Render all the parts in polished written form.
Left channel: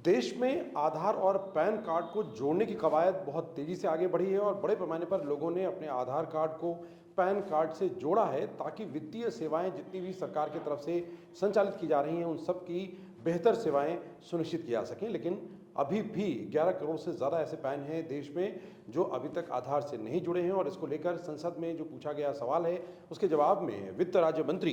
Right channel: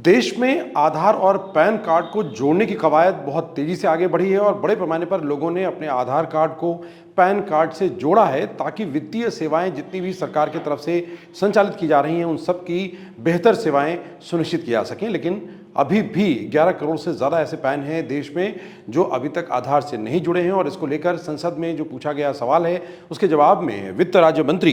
देश में आधार और पैन कार्ड को जोड़ने की कवायद बहुत तेजी से आगे बढ़ी है और बड़े पैमाने पर लोगों ने अपने आधार कार्ड को पैन कार्ड से जोड़ा है ताकि वित्तीय सेवाएं जितनी भी सरकार की तरफ से संचालित की जा रही हैं उन सब की बेहतर सेवाएं सुनिश्चित की जा सकें। लेकिन अभी भी 11 करोड़ से ज़्यादा ऐसे पैन हैं देश में जो अभी तक आधार से नहीं जुड़े हैं और इसको लेकर संसद में जो पूछा गया सवाल है उसके जवाब में वित्त राज्य मंत्री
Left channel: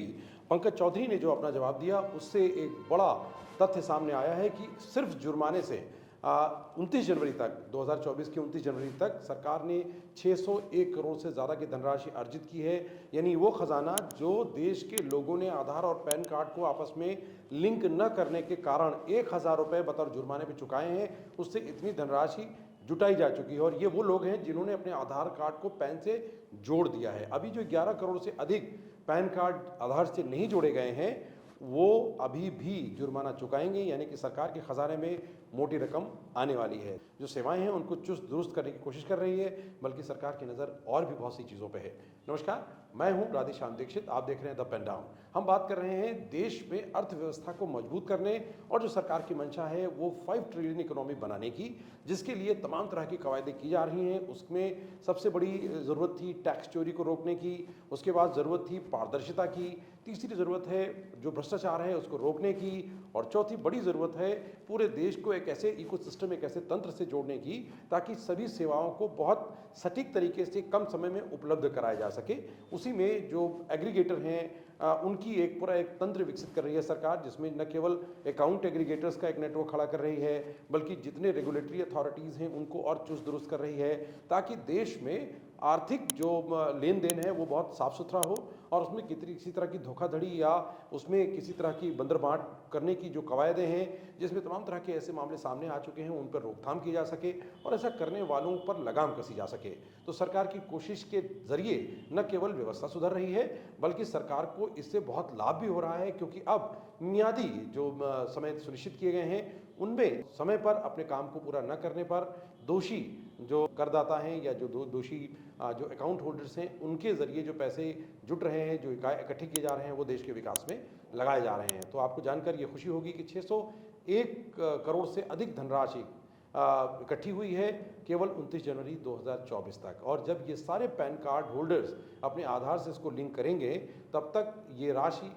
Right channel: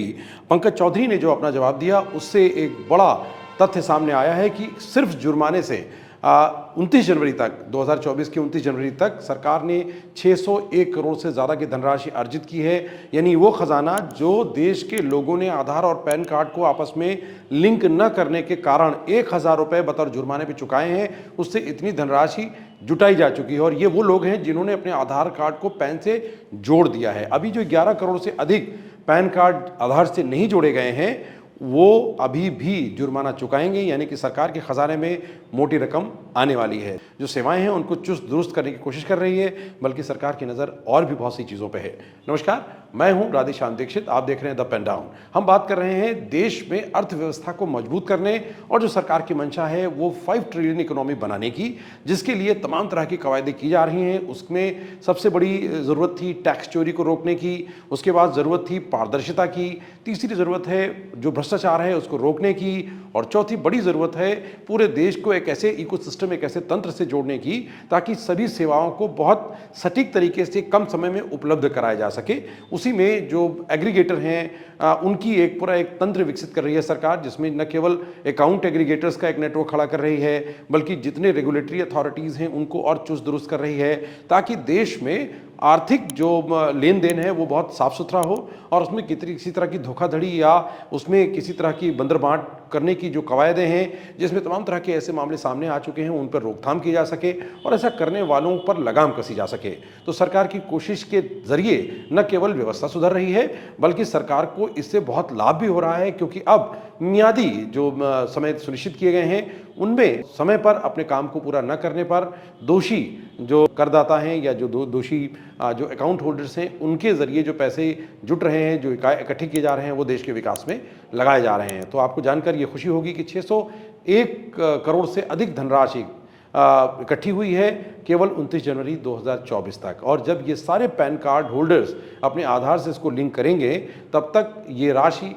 पंकज चौधरी ने जो अपना जवाब दिया उससे एक बड़ा तथ्य सामने आया है कि सिर्फ जुर्माने से 29 जनवरी तक 2024 की 29 जनवरी तक सरकार ने 601 करोड़ से ज़्यादा की धनराशि अर्जित की है। यानी वो खजाना जो देश के लोगों ने आधार और पैन कार्ड को आपस में लिंक न करने के कारण 1000 रुपये बतौर जुर्माने पे चुकाए हैं, उससे इतनी धनराशि जुटाई जा चुकी है और ये वो लोग हैं जिन्होंने अपने आधार कार्ड को पैन से जोड़ दिया है। अभी जो 11 करोड़ से अधिक पैन कार्ड आधार से नहीं जोड़े गए हैं वो अभी भी जुर्माना चुकाएंगे, यानी कि सरकार के खजाने में मोटी रकम आने वाली है। जो सेवाएं हैं उनको चुस्त दुरुस्त करने की कोशिश कर रही है, बल्कि सरकार की नज़र और भी बहुत सी चीज़ों पे है। नमस्कार, मैं हूं राधेश्याम दीक्षित, आप देख रहे हैं द पेन डाउन। हम बात कर रहे हैं देश में अर्थव्यवस्था को मजबूत करने और जो सरकार की मंशा है वो 5 ट्रिलियन इकोनॉमी बनाने की, जिसके लिए तमाम तरह की कवायदें की जा रही हैं। उसमें सबसे बड़ी ज़रूरत थी टैक्स चोरी को रोकने की, उसके बाद ज़रूरत थी पारदर्शिता की, तीसरी ज़रूरत है जो भ्रष्टाचार है उसको रोकने की, और चौथी बड़ी ज़रूरत है पूरे देश को एक ऐसे इकोसिस्टम, एक ऐसे तंत्र से जोड़ने की ताकि सभी सेवाओं को बहुत सटीक तरीके से कम समय में उपलब्ध कराया जा सके। उसी में जो एग्रीगेटर हैं उनकी एक पूरा एक तंत्र विकसित कर रही है सरकार, जिसमें न केवल अकाउंट एग्रीगेटर्स का एक नेटवर्क खड़ा कर रही है बल्कि जितने रेगुलेटरी अथॉरिटीज़ हैं उनको और चुस्त दुरुस्त कर रही है ताकि देश में आर्थिक जो लेन देन है वो बहुत साफ सुथरा हो और उसमें किसी तरह की धोखाधड़ी या उसमें किसी तरह की बंदरबांट करने की जो कवायदें हैं जिसमें तमाम तरह के ऐसे मामले सामने आ चुके हैं उन पर रोकथाम की जा सके और ऐसा करने वालों पर लगाम कसी जा सके। तो सरकार की कोशिश के जरिए न केवल व्यवस्था सुधर रही है बल्कि सरकार को इससे बहुत लाभ भी हो रहा है, क्योंकि अब मियादी जो समय सुनिश्चित किए गए हैं उनमें समय पर अपने काम को पूरा न करने पर दोषी जो करदाता हैं या जो दोषी जो अकाउंट होल्डर्स हैं उनके ज़रिए जो पैसे जुट रहे हैं, जो इकट्ठे किए जा रहे हैं वो देश के विकास में लगाए जा रहे हैं। तो आपको जानकर ये खुशी होगी कि 601 करोड़ से अधिक धनराशि इकट्ठी हुई है केवल 29 जनवरी 2024 तक, और जब ये सारे पैन कार्ड होल्डर्स अपने आधार से इसको लिंक करेंगे तब तक ये राशि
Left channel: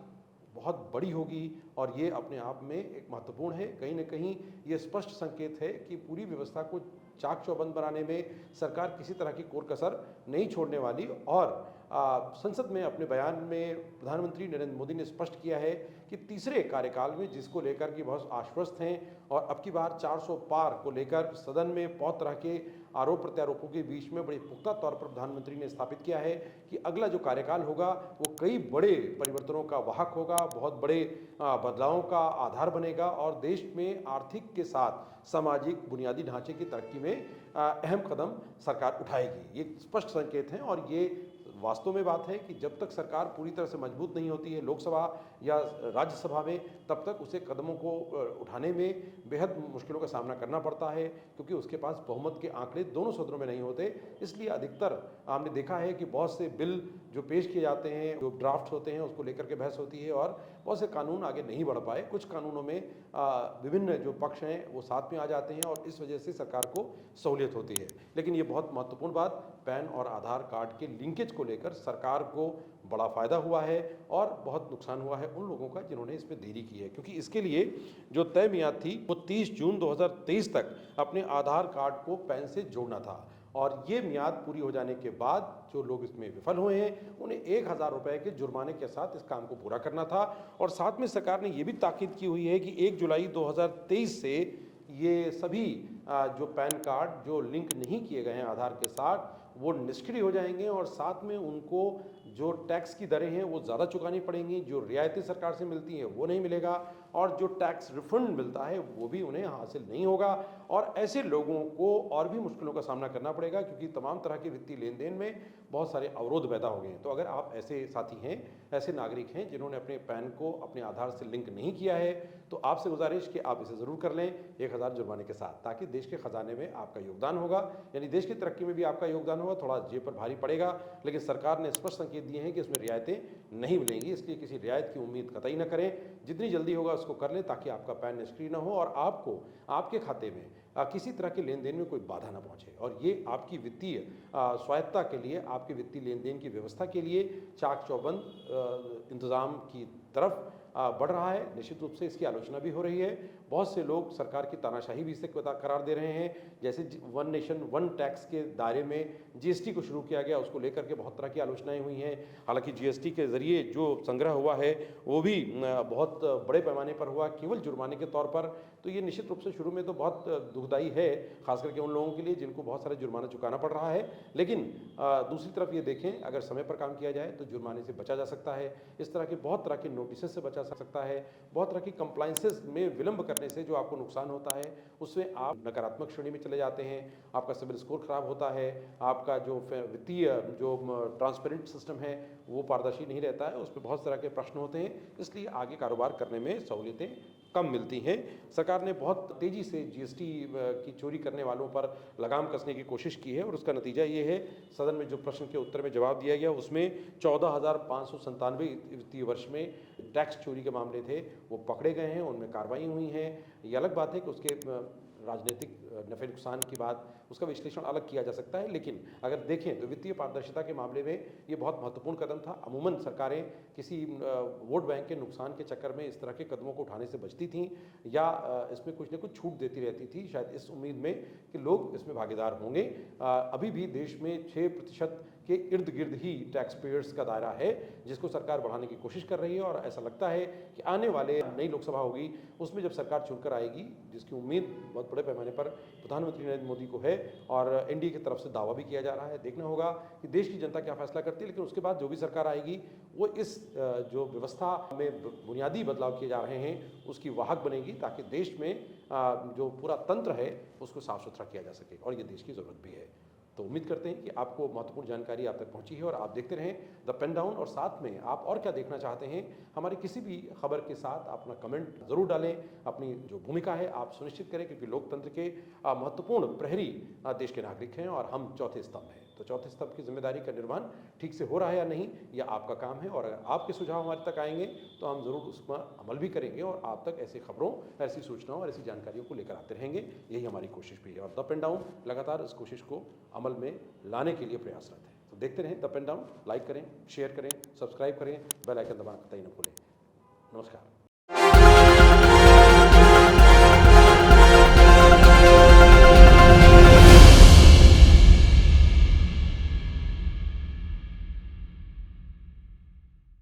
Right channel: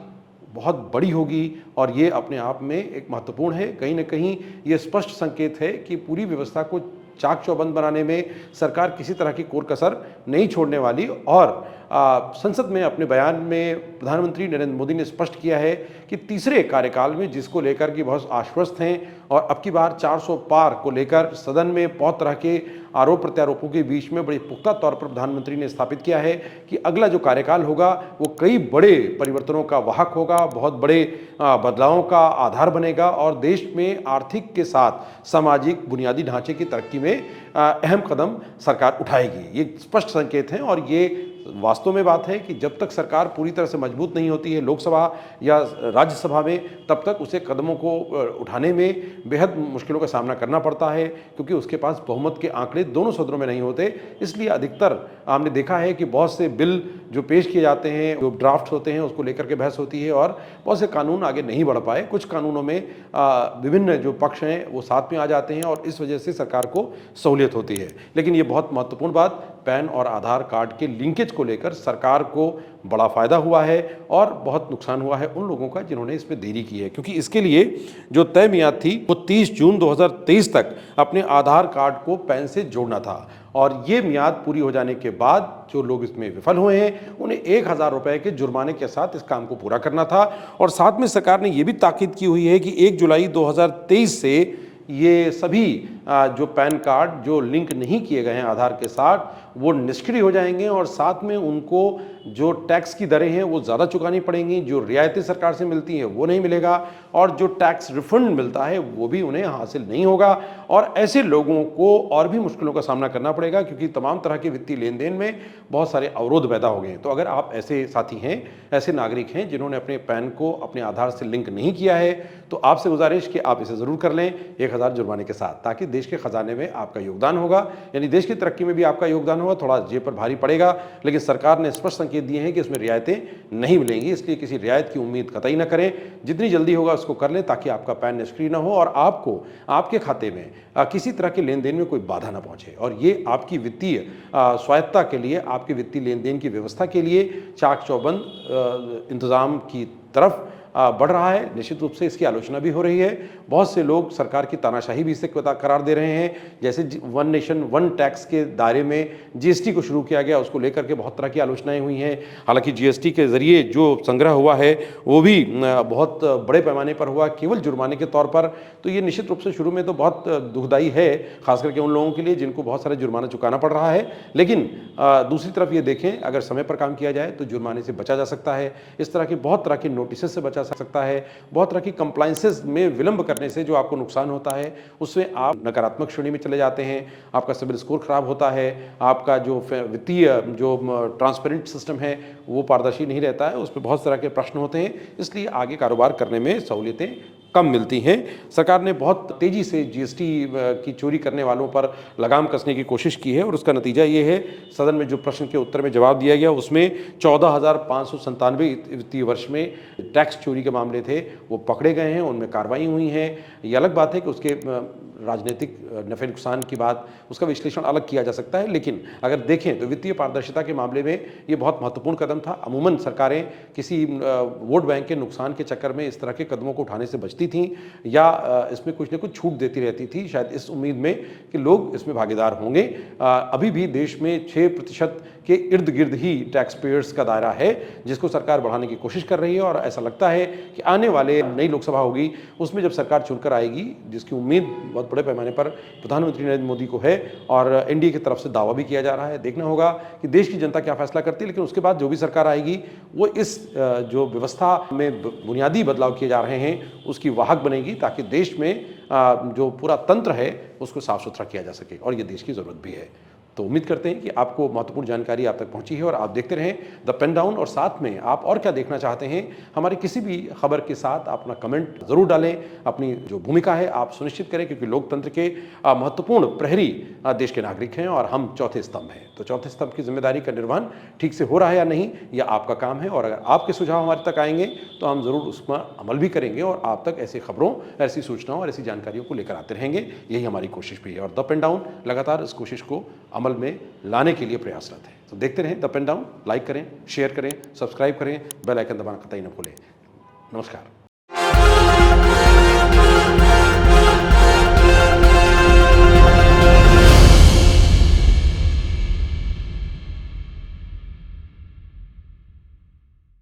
बहुत बड़ी होगी और ये अपने आप में एक महत्वपूर्ण है। कहीं ना कहीं ये स्पष्ट संकेत है कि पूरी व्यवस्था को चाक चौबंद बनाने में सरकार किसी तरह की कोर कसर नहीं छोड़ने वाली। और संसद में अपने बयान में प्रधानमंत्री नरेंद्र मोदी ने स्पष्ट किया है कि तीसरे कार्यकाल में जिसको लेकर कि बहुत आश्वस्त हैं और अब की बार 400 पार को लेकर सदन में बहुत तरह के आरोप प्रत्यारोपों के बीच में बड़े पुख्ता तौर पर प्रधानमंत्री ने स्थापित किया है कि अगला जो कार्यकाल होगा वो कई बड़े परिवर्तनों का वाहक होगा, बहुत बड़े बदलावों का आधार बनेगा और देश में आर्थिक के साथ सामाजिक बुनियादी ढांचे की तरक्की में अहम कदम सरकार उठाएगी। ये स्पष्ट संकेत हैं और ये वास्तव में बात है कि जब तक सरकार पूरी तरह से मजबूत नहीं होती है लोकसभा या राज्यसभा में तब तक उसे कदमों को उठाने में बेहद मुश्किलों का सामना करना पड़ता है, क्योंकि उसके पास बहुमत के आंकड़े दोनों सदनों में नहीं होते। इसलिए अधिकतर हमने देखा है कि बहुत से बिल जो पेश किए जाते हैं, जो ड्राफ्ट होते हैं, उसको लेकर के बहस होती है और बहुत से कानून आगे नहीं बढ़ पाए। कुछ कानूनों में विभिन्न जो पक्ष हैं वो साथ में आ जाते हैं और इस वजह से सरकार को सहूलियत होती है। लेकिन ये बहुत महत्वपूर्ण बात, पैन और आधार कार्ड के लिंकेज को लेकर सरकार को बड़ा फायदा हुआ है और बहुत नुकसान हुआ है उन लोगों का जिन्होंने इसमें देरी की है, क्योंकि इसके लिए जो तय मियाद थी वो 30 जून 2023 तक अपने आधार कार्ड को पैन से जोड़ना था और ये मियाद पूरी हो जाने के बाद जो लोग इसमें विफल हुए हैं उन्हें 1000 रुपये के जुर्माने के साथ इस काम को पूरा करना था। और साथ में सरकार ने यह भी ताकीद की हुई है कि 1 जुलाई 2023 से ये सभी जो पैन कार्ड जो लिंक नहीं किए गए हैं आधार के साथ वो निष्क्रिय हो जाएंगे और साथ में उनको जो टैक्स की दरें हैं वो ज़्यादा चुकानी पड़ेंगी, जो रियायतें सरकार से मिलती हैं वो नहीं मिलेगा और जो टैक्स रिफंड मिलता है वो भी उन्हें हासिल नहीं होगा। और ऐसे लोगों को और भी मुश्किलों का सामना करना पड़ेगा, क्योंकि तमाम तरह के वित्तीय लेन देन में बहुत सारे अवरोध पैदा हो गए हैं। तो अगर आप ऐसे साथी हैं, ऐसे नागरिक हैं जिन्होंने अपने पैन को अपने आधार से लिंक नहीं किया है, तो आपसे गुजारिश कि आप इसे ज़रूर कर लें 1000 जुर्माने के साथ, ताकि देश के खजाने में आपका योगदान होगा, यानी देश की तरक्की में भी आपका योगदान होगा। थोड़ा जेब पर भारी पड़ेगा, लेकिन सरकार ने स्पष्ट संकेत दिए हैं कि इसमें रियायतें नहीं मिलेंगी, इसलिए किसी रियायत की उम्मीद कतई न करें। जितनी जल्दी होगा उसको कर लें ताकि आपका पैन निष्क्रिय न हो और आपको आपके खाते में किसी तरह के लेन देन में कोई बाधा न पहुंचे। और ये आपकी वित्तीय स्वायत्तता के लिए, आपके वित्तीय लेन देन की व्यवस्था के लिए चाक चौबंद इंतजाम की तरफ बढ़ रहा है। निश्चित रूप से इसकी आलोचना भी हो रही है। बहुत से लोग सरकार की तानाशाही भी इसे करार दे रहे हैं। जैसे वन नेशन वन टैक्स के दायरे में जीएसटी को शुरू किया गया, उसको लेकर के बहुत तरह की आलोचनाएं हुई हैं। हालांकि जीएसटी के जरिए जो संग्रह हुआ है वो भी बहुत बड़े पैमाने पर हुआ, केवल जुर्माने के तौर पर। तो ये निश्चित रूप से शुरू में तो बहुत दुखदायी है, खास करके उन लोगों के लिए जिनको बहुत सारे जुर्माना चुकाना पड़ रहा है। लेकिन दूसरी तरफ ये देखें, अगर समय पर काम किया जाए तो जुर्माने से बचा जा सकता है। इस तरह के बहुत तरह के नोटिस से बचा सकता है। बहुत तरह की कंप्लायंसेस में विलंब करने से जो आपको नुकसान होता है उसमें आप नकारात्मक श्रेणी में चले जाते हैं। आपका सिबिल स्कोर खराब होता है, आपका जो वित्तीय जो ट्रांसपेरेंट सिस्टम है वो पारदर्शी नहीं रहता है, उस पर बहुत तरह के प्रश्न होते हैं। इसलिए आगे कारोबार करने में सहूलियतें कम मिलती हैं। सरकार ने बहुत तेज़ी से जीएसटी की चोरी करने वालों पर लगाम कसने की कोशिश की है और उसका नतीजा ये है, सदन में जो प्रश्न के उत्तर में जवाब दिया गया उसमें 14,597 वित्तीय वर्ष में टैक्स चोरी के मामले थे वो पकड़े गए हैं, उनमें कार्रवाई हुई है। ये अलग बात है कि उसके राजनीतिक नफ़े नुकसान की बात, उसका विश्लेषण अलग किया जा सकता है। लेकिन अगर देखें तो वित्तीय पारदर्शिता के मामले में ये बहुत महत्वपूर्ण कदम था। अमूमन सरकारें किसी वोट बैंक के नुकसान के चक्कर में इस तरह के कदमों को उठाने से बचती थीं या इसमें कुछ न कुछ छूट देती रहती थी, शायद इस उम्मीद में कि लोग इसमें भागीदार होंगे। अभी भी देश में 6% के इर्द गिर्द ही टैक्स पेयर्स का दायरा है, जिसको सरकार बढ़ाने की कोशिश कर रही है। और ऐसा लगता है कि आने वाले नई लोकसभा होगी उसमें जब सरकार चुनकर आएगी, जिसकी उम्मीद बहुत बड़े पैमाने पर प्रधानमंत्री नरेंद्र मोदी को है और एनडीए की तरफ से दावा भी किया जा रहा है। देखना होगा कि देश की जनता क्या फैसला करती है, लेकिन उसके बाद जो भी सरकार आएगी वो इस जो व्यवस्था में बुनियादी बदलाव किए जा रहे हैं उसकी वाहक बनेगी, ताकि देश में जो पूरा तंत्र है उसको साफ सुथरा किया जा सके, और ये देश की ज़रूरत भी है। तो उम्मीद करते हैं कि आपको महत्वपूर्ण जानकारी आप तक पहुंची है और आप देखते रहें द पेन डाउन। और साथ में आप और क्या देखना चाहते हैं, हमारी किसी भी खबर के साथ अपना कमेंट ज़रूर डालें। अपनी जो भूमिका है आप सुनिश्चित करें, क्योंकि लोकतंत्र के महत्वपूर्ण प्रहरी देश के नागरिक हैं और हम चौथे स्तंभ हैं। तो चौथे स्तंभ की जिम्मेदारी का निर्वहन ठीक से हो रहा है या नहीं, यह आपका काम है। और अगर आपके सुझाव हमारे तक आएंगे तो हम ज़रूर उस पर अमल भी करेंगे और आप तक ऐसी खबरों, ऐसी सूचनाओं और ऐसी जानकारियों को लेकर आते रहेंगे। यही हमारी कोशिश भी है और द पेन डाउन लगातार इस कोशिश को अमल में लाने के लिए प्रयासरत है। तो देखते रहें द पेन डाउन, लाइक करें, शेयर करें, सब्सक्राइब करें, बेल आइकन दबाना कतई न भूलें। नमस्कार।